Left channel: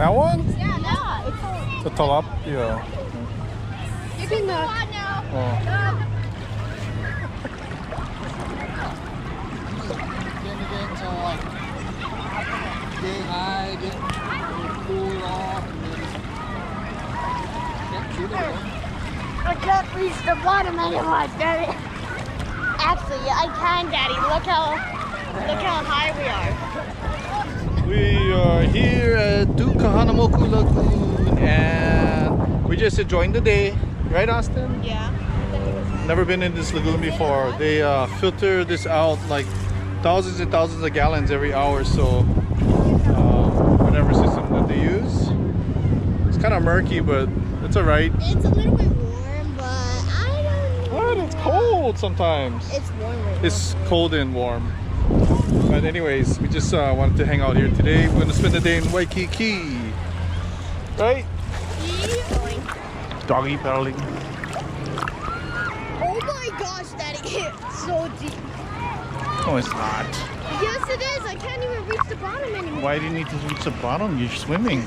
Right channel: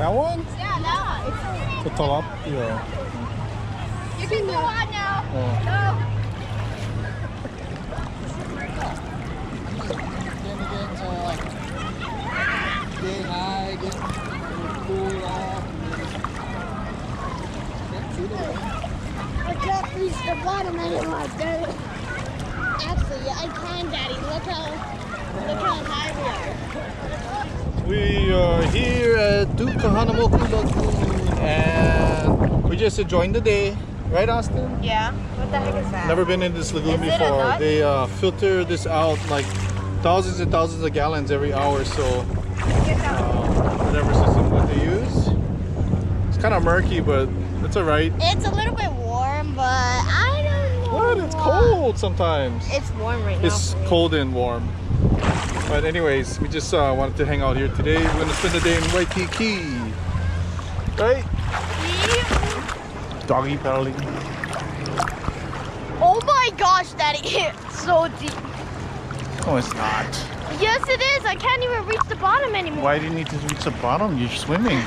That one? Yeah, no. It's The top? Yeah. You can go on now. Oh. Get high, get cool off, I can't reach the bottom anymore, Daddy. Actually, I can, Daddy. Look how high we are. We are here at Duke Kahanamoku Lagoon and we're just enjoying the day. Right, Austin? Yeah. What the heck is that? Never been in this lagoon Is it a before. nut? They filter this out like thousands and thousands of gallons every hour. So whatever system that they use. It's kind of murky, but it's alright. It's a little bit warm, but I don't know. What? It's cold sometimes. It's warm right now. It's cold and warm. But anyways, we just wanted to hang out here today. We're gonna spend the day in Waikiki. Right? Doggy paddling. Oh my gosh, Daddy. It's so deep. No, it's not. Yes, it is. I can't even reach the bottom anymore. Why do you need to reach the bottom? You're swimming.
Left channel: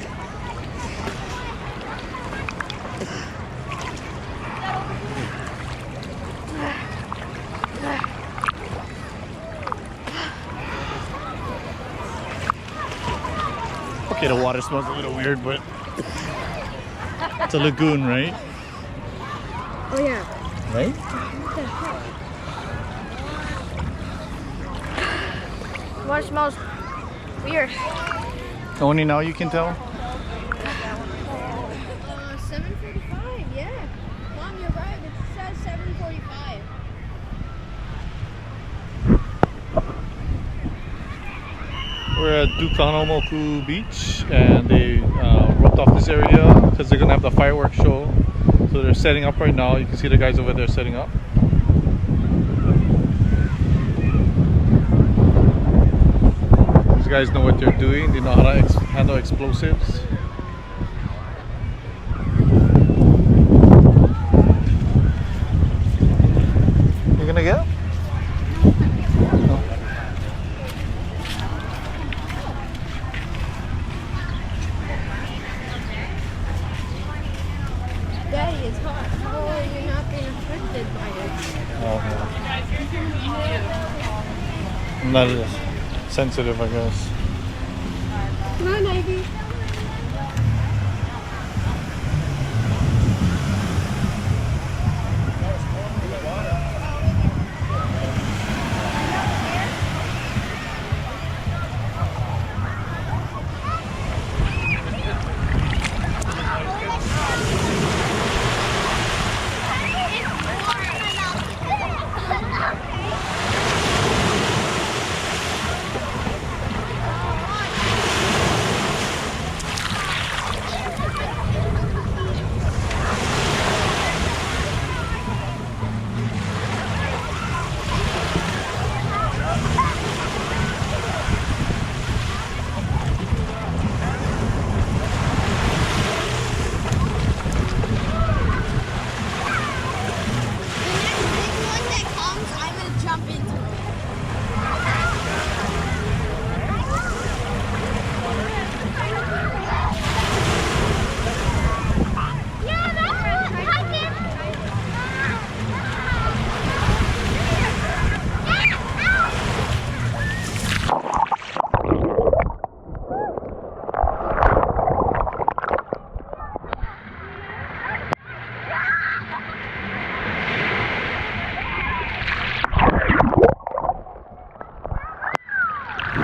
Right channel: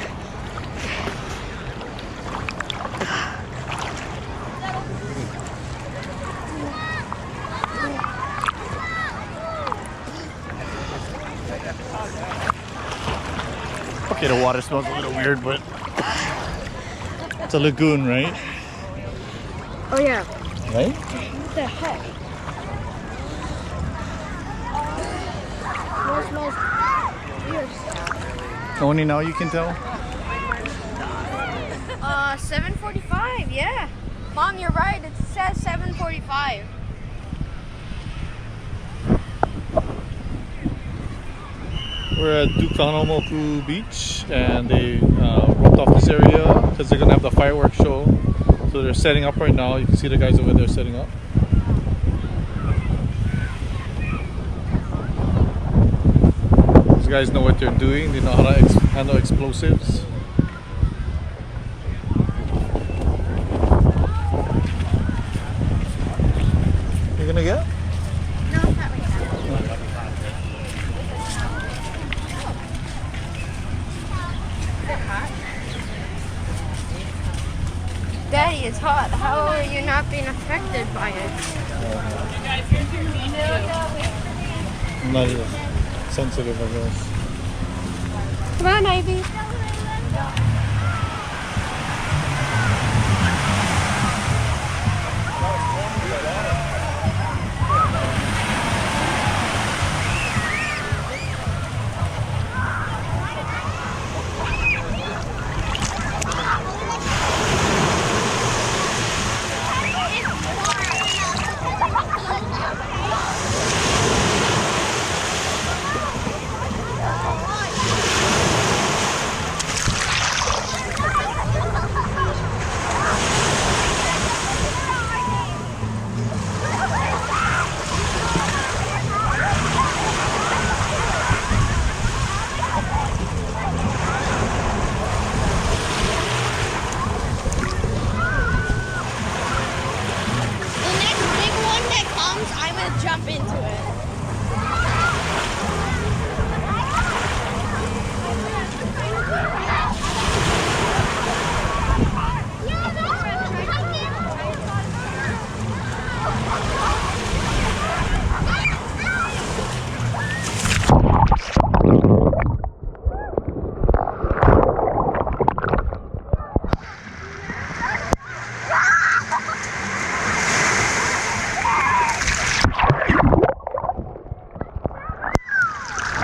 Okay, the water smells a little weird, but it's a lagoon, right? Oh yeah. Right? What the heck? What smells weird? Only now you can tell? 7:45. Yeah. Mom, you're right. It says 7:45. We're at Duke Kahanamoku Beach and they roped off this area because they're gonna have the fireworks show. So they're setting up right now. You can see the guys over there setting up. These guys know what they're doing. They know how to handle explosives. You gonna get? No, it's not right. Daddy, it's hot. How are you not being affected by it? I'm not as sensitive, I guess. Come on, Ivy. Jump into it.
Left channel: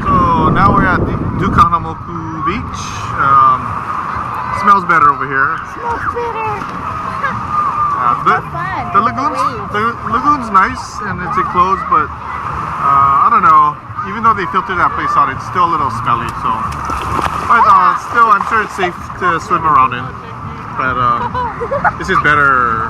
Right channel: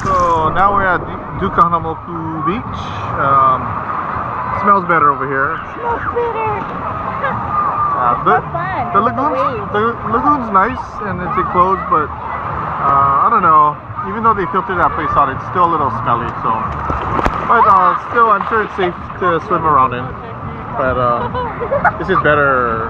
So now we're at Duke Kahanamoku Beach. Smells better over here. Smells better. The lagoon's nice and it's enclosed, but I don't know. Even though they filter that place out, it's still a little smelly. So, but still, I'm sure it's safe to swim around in. But this is better.